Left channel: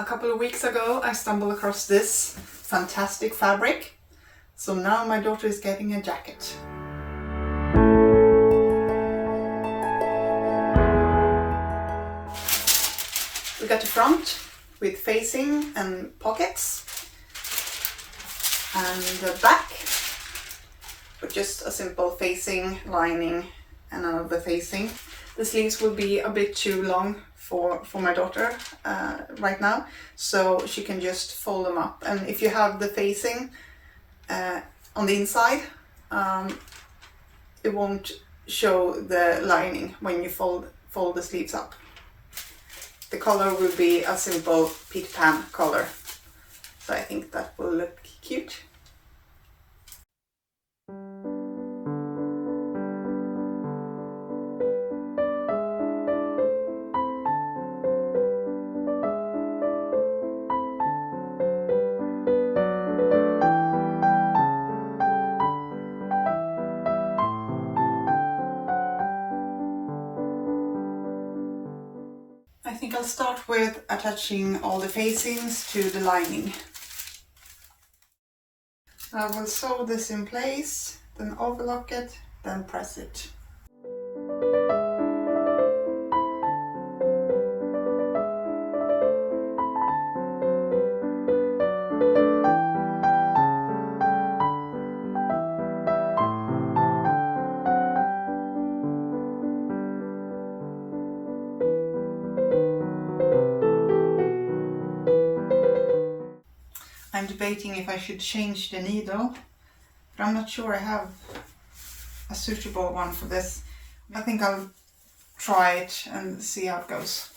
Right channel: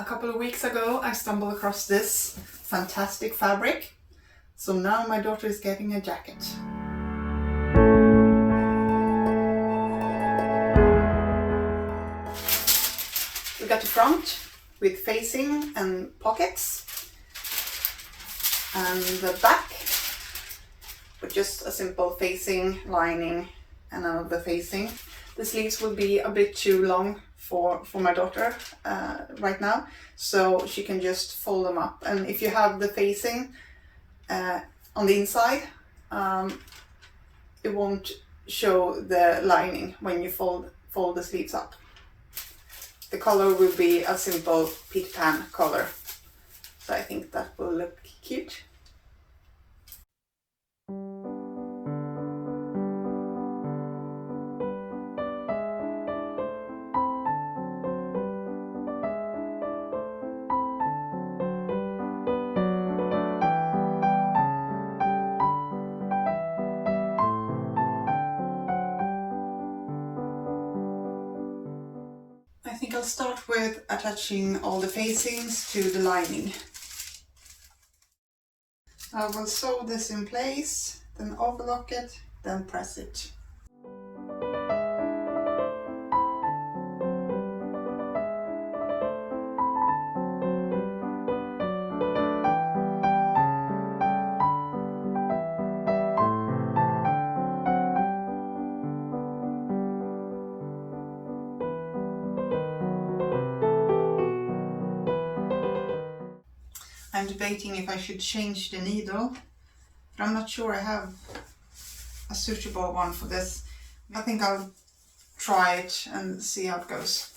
A couple of weeks ago I stumbled across this fantastic fabric, so now my daughter is getting a jacket. We got the front with facing and pockets, and the back with just a simple facing, lining and another facing. The sleeves will be a bit too long for my daughter right now, so she can just fold them up. And if you have the facing on the inside, it won't show the lining when you fold the sleeves up. The color will be a simple Peter Pan color, so I think that will look cute. I think I'll start with attaching all the facings to the lining. I will sew this in place, then overlock it, then press it. I'm debating if I should change the needle, but I'm not sure I have a suitable one for this. I think I'll try it and see how it goes.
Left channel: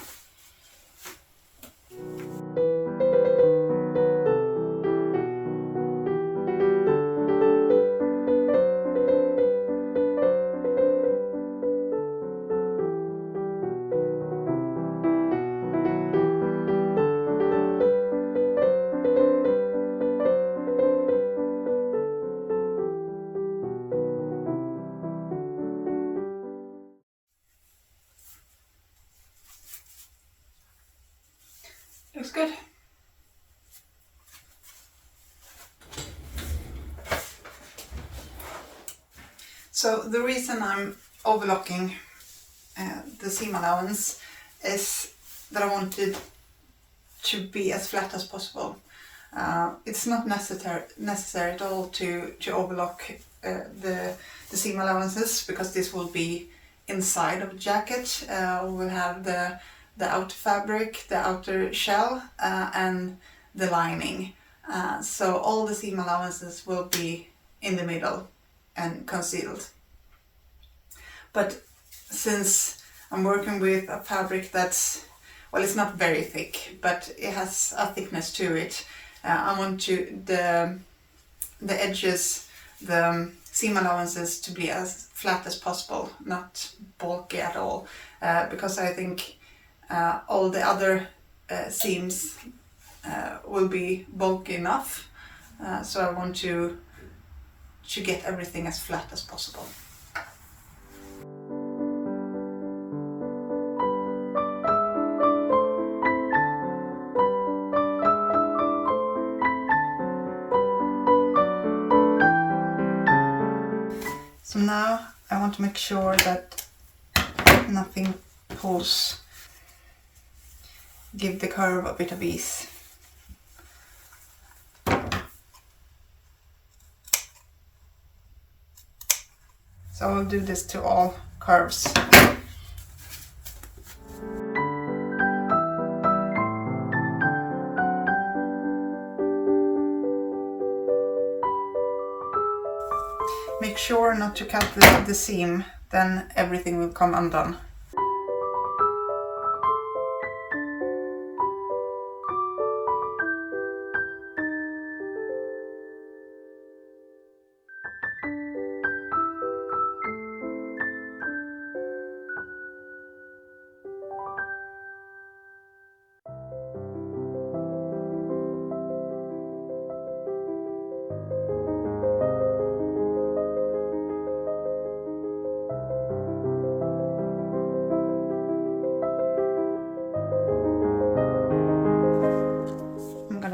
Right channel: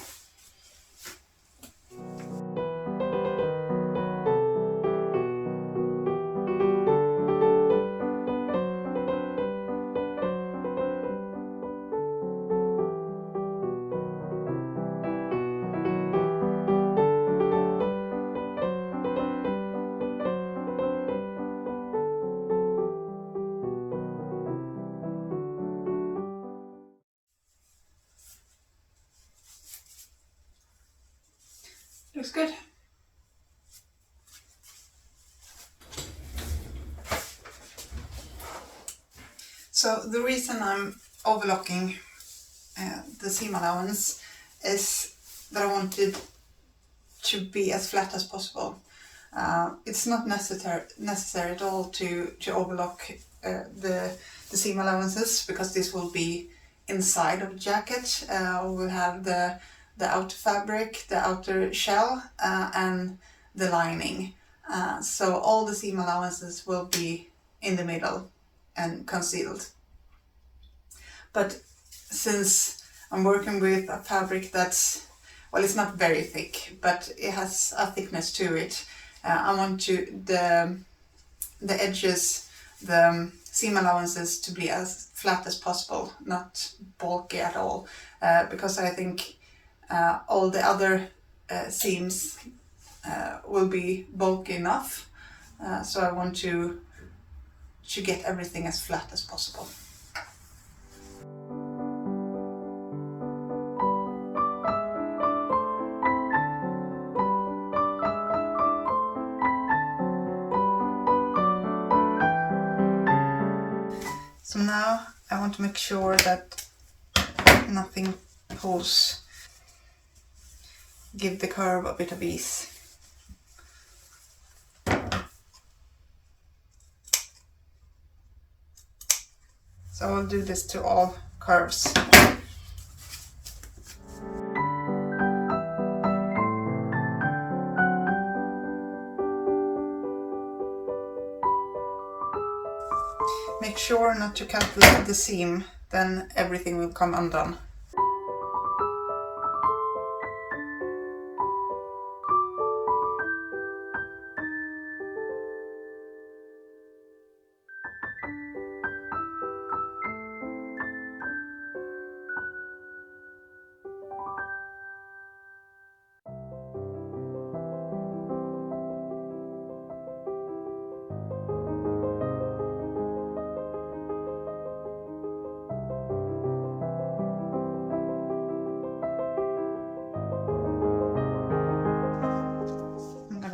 Looks good. So the reason I'm overlocking the seam allowance is that I wanted to be as flat as possible. It's not necessary at all to overlock the seam allowances, because this will be inside of the jacket. We'll have the outer fabric, the outer shell, and the lining. So all the seam allowances will be in the middle and concealed. But since I'm working with a fabric that's, well, it's not very thick, but it has a thickness to it, I want the edges, the seam allowances, to be as flat as possible, not bulky at all, because I think all the other seams will be bulky enough, so I want to get everything as flat as possible. So now I want to make sure that nothing pulls. Give the curve a bit of ease. So I'll do this to all curves. Make sure not to cut the seam, then everything will come undone.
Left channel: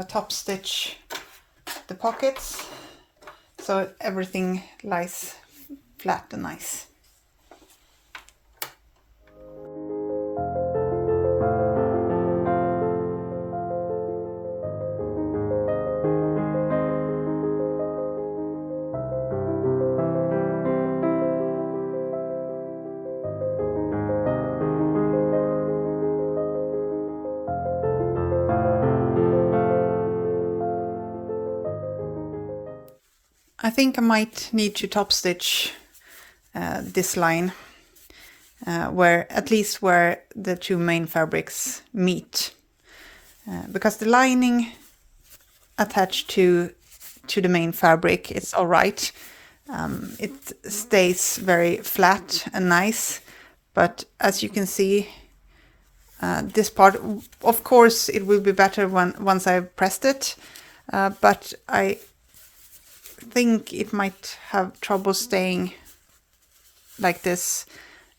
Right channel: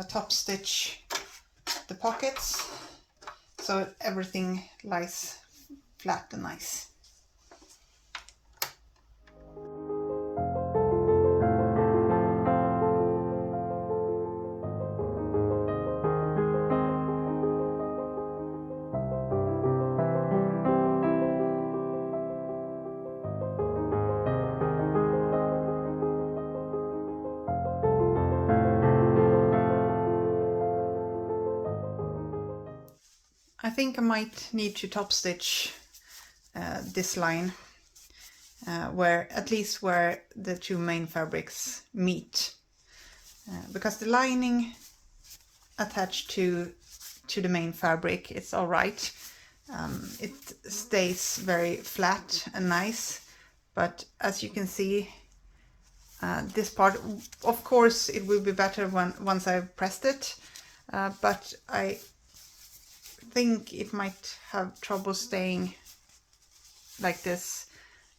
top stitch the pockets so everything lies flat and nice. I think I might need to top stitch this line where at least where the two main fabrics meet, because the lining attached to the main fabric is all right. It stays very flat and nice, but as you can see, this part, of course it will be better once I've pressed it, but I think it might have trouble staying like this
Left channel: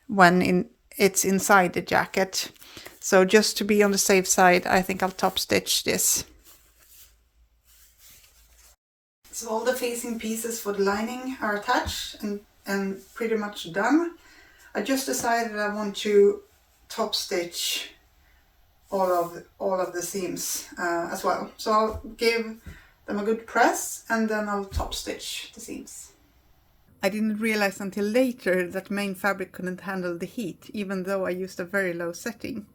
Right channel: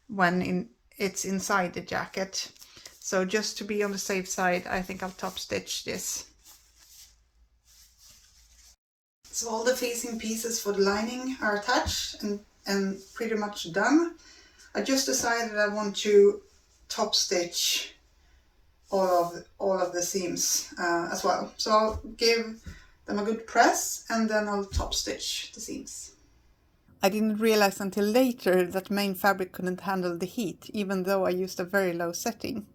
when it's inside the jacket. So just to be on the safe side, I think I'll top stitch this. So all the facing pieces for the lining are attached and pretty much done. I just decided I want to top stitch all of the seams as well. So I'll give them a good press and then I'll top stitch the seams. I didn't realize until later that main fabric couldn't handle the heat, even though I used a very low setting.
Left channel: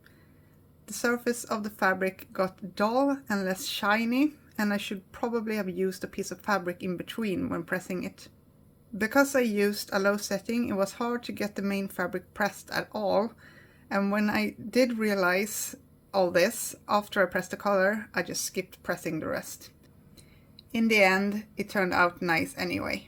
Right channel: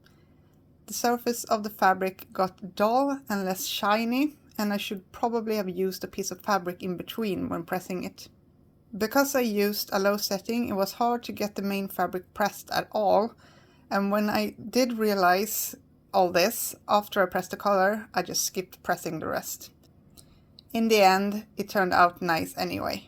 The surface of the fabric got dull and less shiny, and I should probably have used a piece of fabric in between when pressing it. Because I used a low setting, it was hard to get the main fabric pressed at all, and when I did realize all this, after I pressed the collar, I just skipped pressing the rest. In the end, it turned out nice anyway.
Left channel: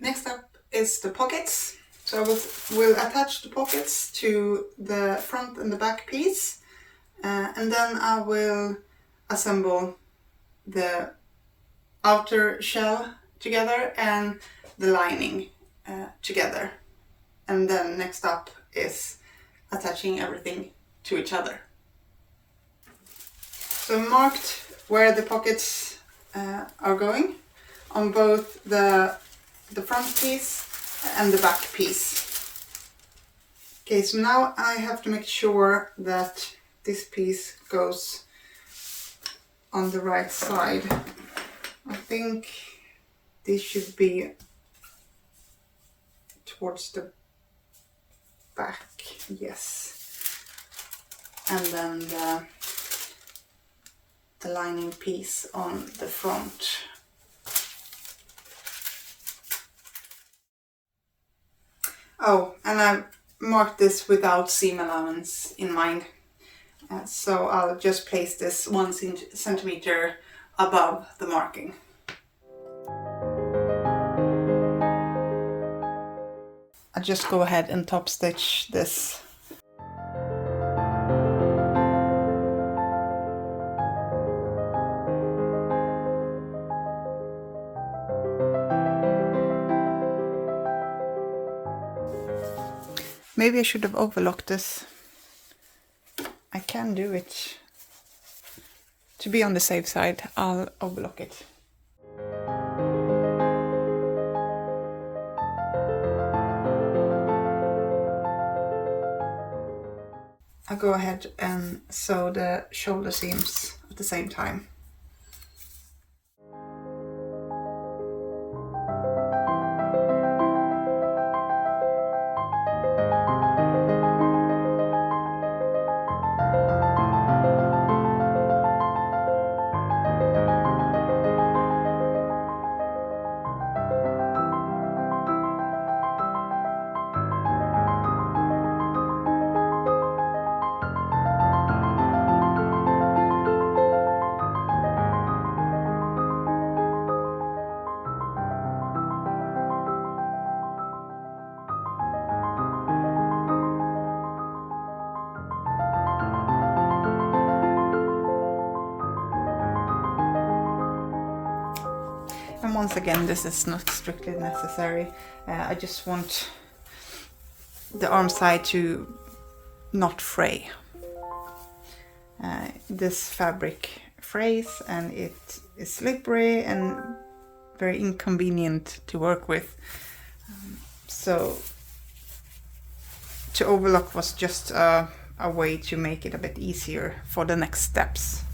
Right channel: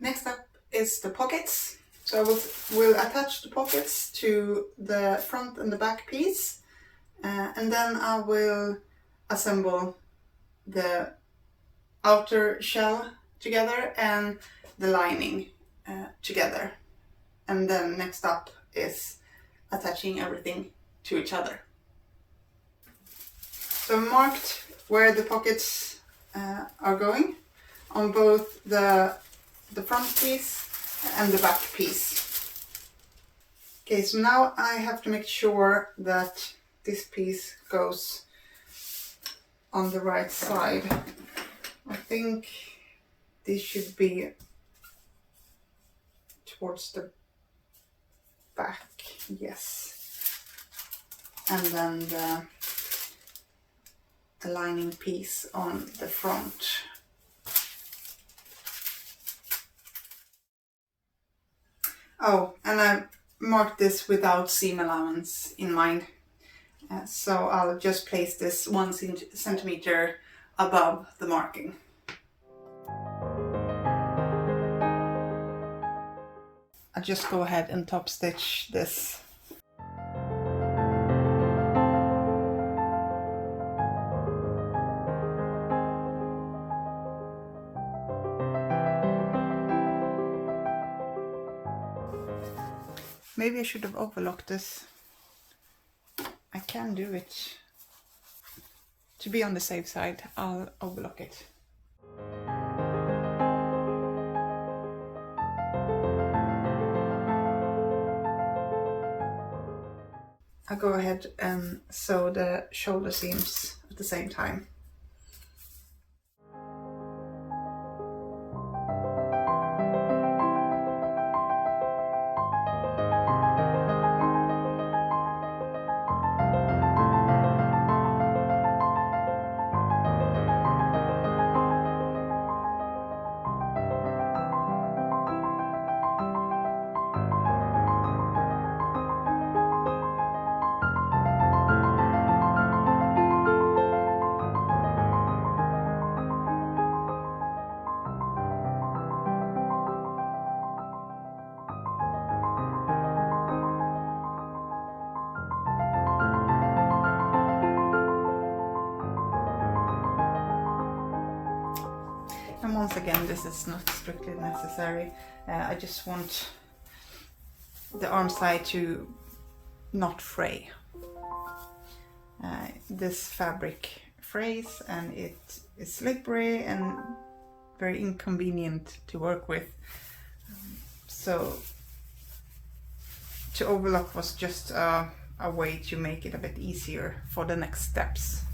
Next up is the pockets. So I will attach the pockets to the front and the back piece, and then I will assemble the outer shell together and the lining together. And then next up is attaching everything to each other. So I marked where the pockets are going on both the front piece and the back piece. Okay, so now I have to make sure that this piece goes on the right side. I think this should be towards the back, yes. And then the lining piece on the front. Oh, and I marked this without seam allowance in mind. So I'll just place this 1 centimeter above the marking. I'll just go ahead and top stitch this. Maybe I should have overlocked this. I can do it. To be on the safe side, I'll overlock it. I'll go ahead and sew the shoulder seams at the same time. And once again, this is not strictly necessary. I just want the arm side to not fray. This fabric frays and it is slippery and very inconvenient to work with. So to overlock was just a way to make it a bit easier for the next steps.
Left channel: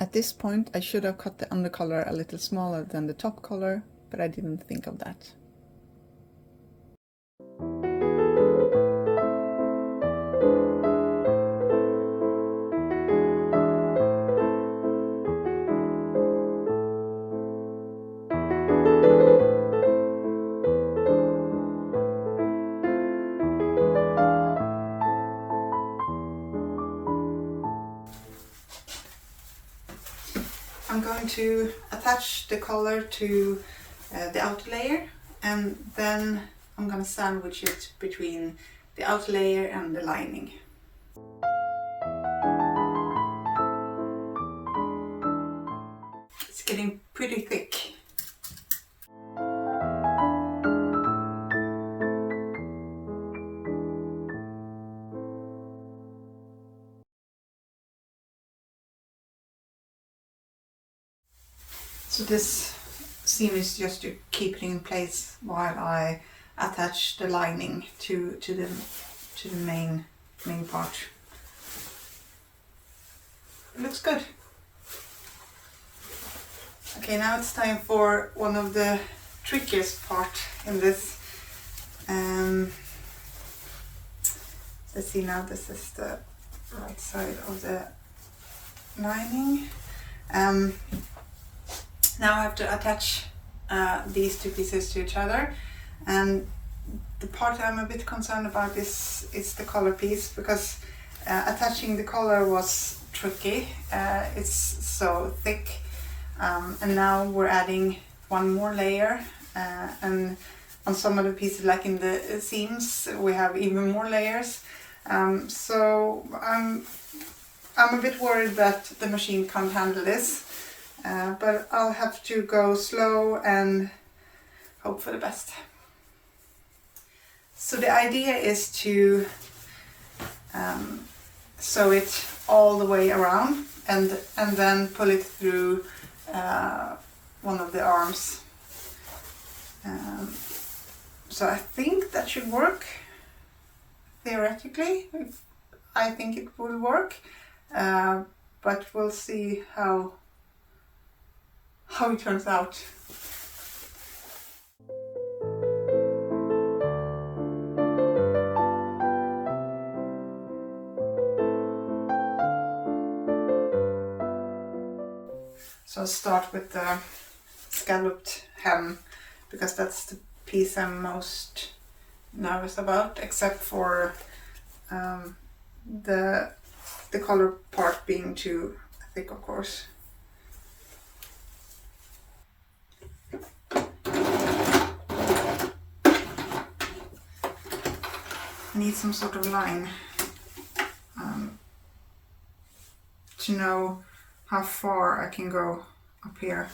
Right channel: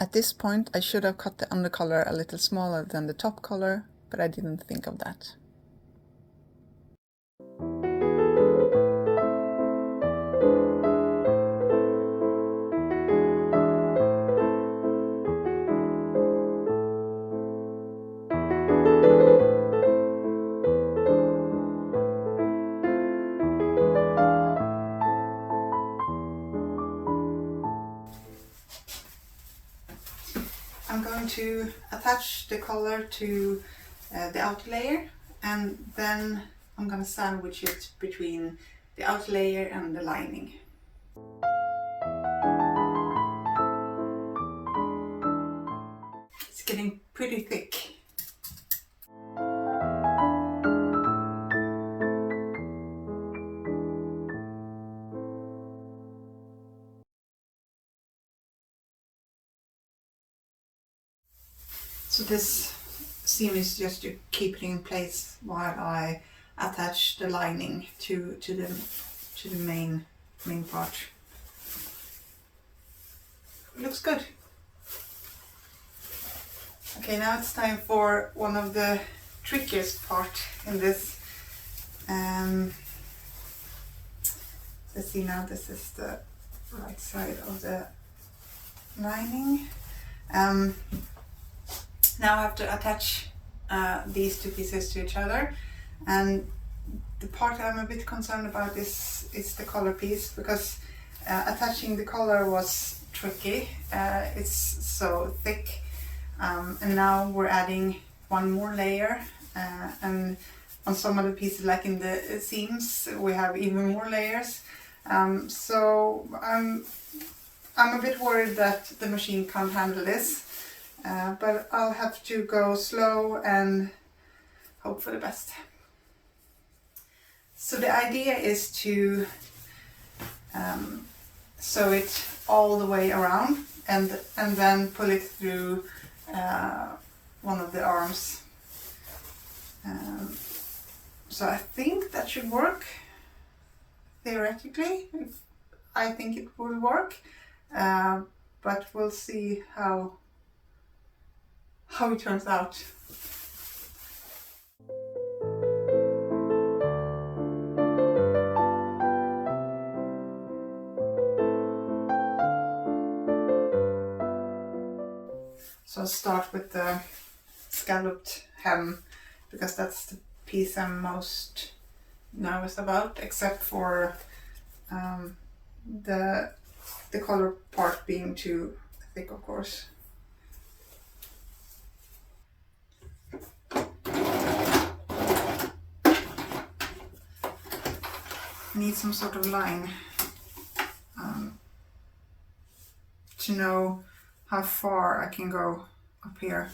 At this point, I should have cut the undercollar a little smaller than the top collar, but I didn't think of that. I'm going to attach the collar to the outer layer, and then I'm going to sandwich it between the outer layer and the lining. It's getting pretty thick. So this seam is just to keep it in place while I attach the lining to the main part. It looks good. Okay, now it's time for one of the trickiest part in this. Let's see, now this is the right side of the lining. Now I have to attach these two pieces to each other, and the part I'm a bit concerned about is the collar piece, because attaching the collar was tricky. It's so thick, and now we're adding one more layer, and on some of the pieces, like in the seams, we have even more layers. So I'm a bit worried that the machine can't handle this. But I'll have to go slow and hope for the best. So the idea is to sew it all the way around and then pull it through one of the arms. So I think that should work. Theoretically, I think it will work, but we'll see how it turns out. So I'll start with the scalloped hem, because that's the piece I'm most nervous about, except for the collar part being too thick, of course. I need some sort of line to know how far I can go up here.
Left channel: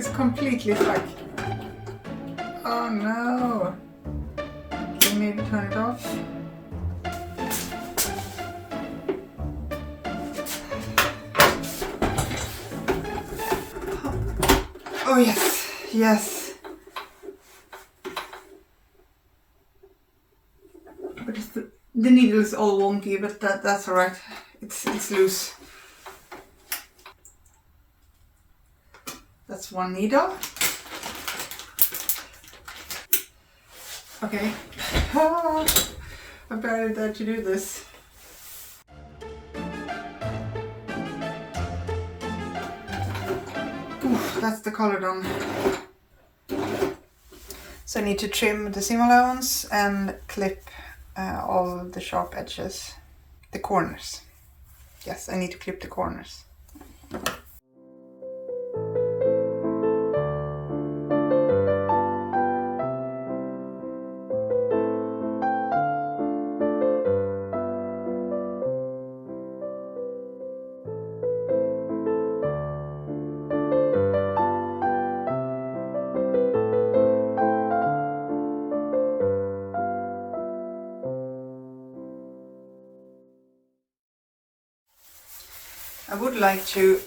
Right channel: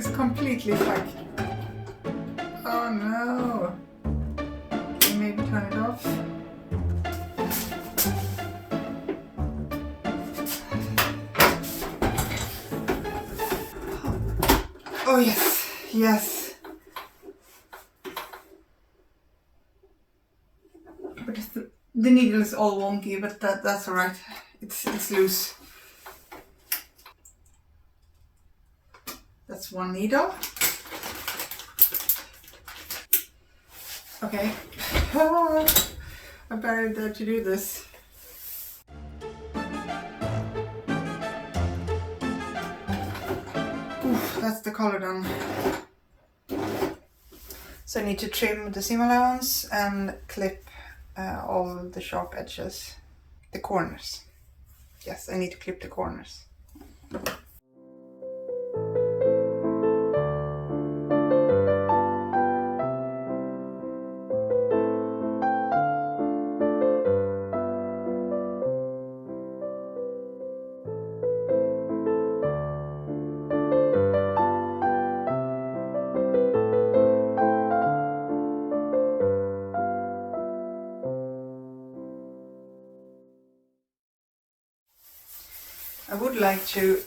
It's completely stuck. Oh no. Can you maybe turn it off? Oh yes, yes. But the needle is all wonky, but that's alright. It's loose. That's one needle. Okay. I barely dared to do this. Oof, that's the collar done. So I need to trim the seam allowance and clip all the sharp edges, the corners. Yes, I need to clip the corners. I would like to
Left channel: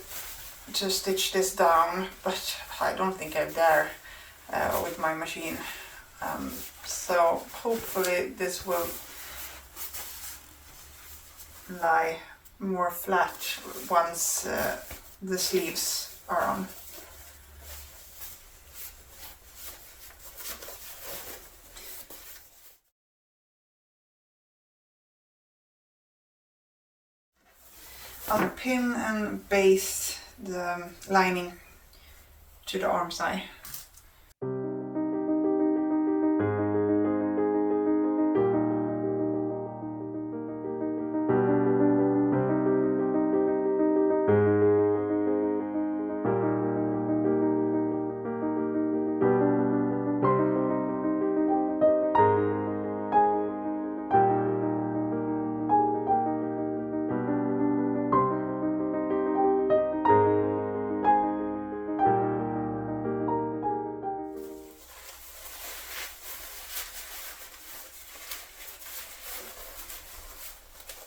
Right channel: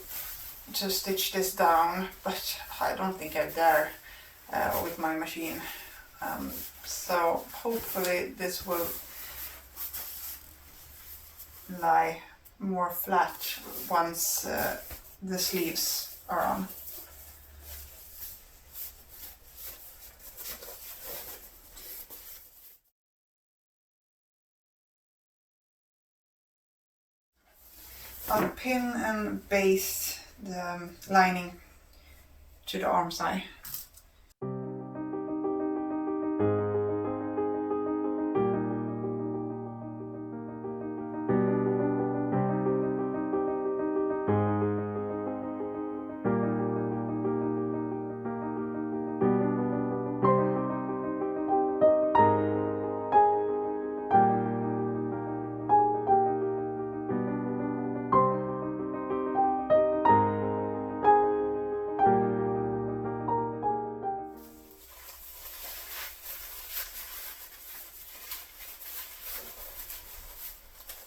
stitch this down, but I don't think I dare with my machine. So hopefully this will lie more flat once the sleeves are on. I'll pin and baste the lining to the arm side.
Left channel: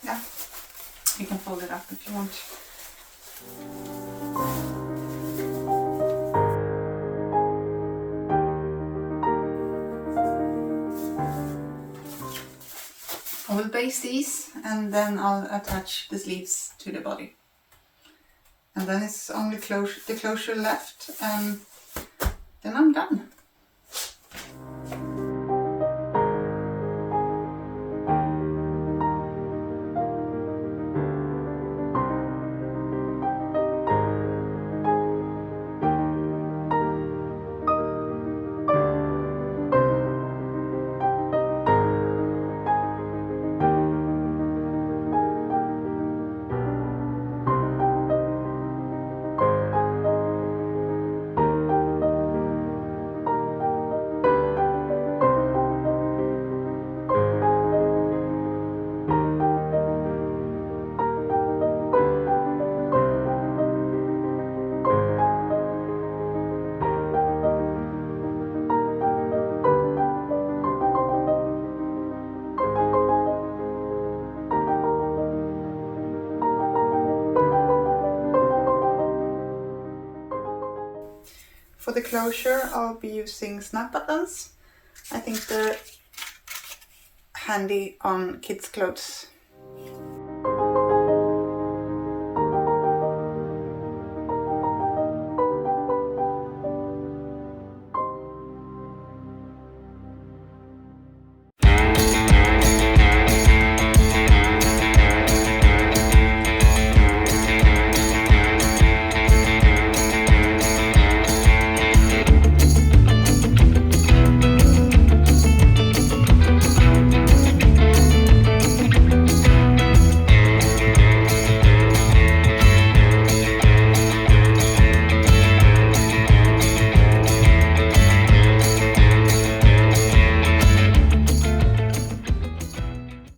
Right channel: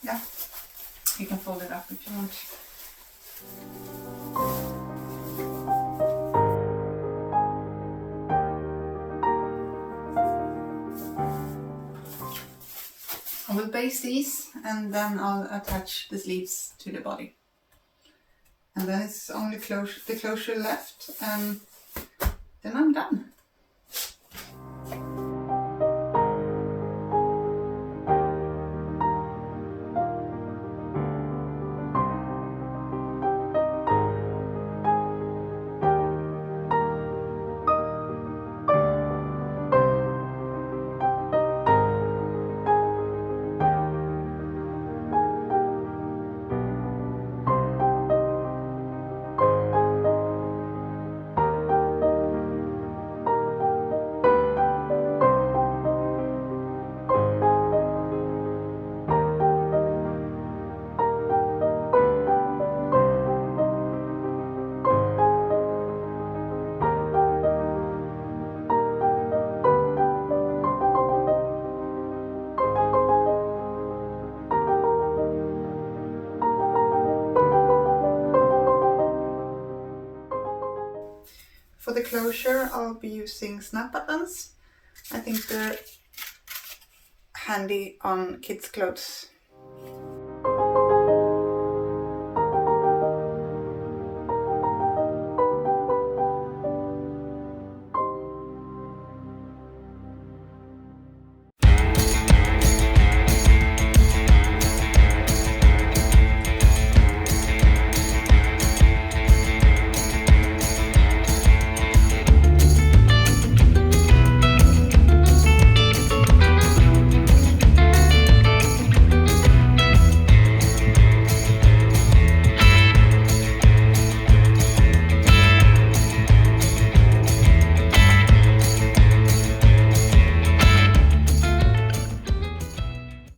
Yeah, you can fold it up if you want. I will baste these and then I'll attach the sleeves to the body. And then it's only the closure left, and then I'm done. For the closure, I'll be using snap buttons. I think they're handy on kids' clothes.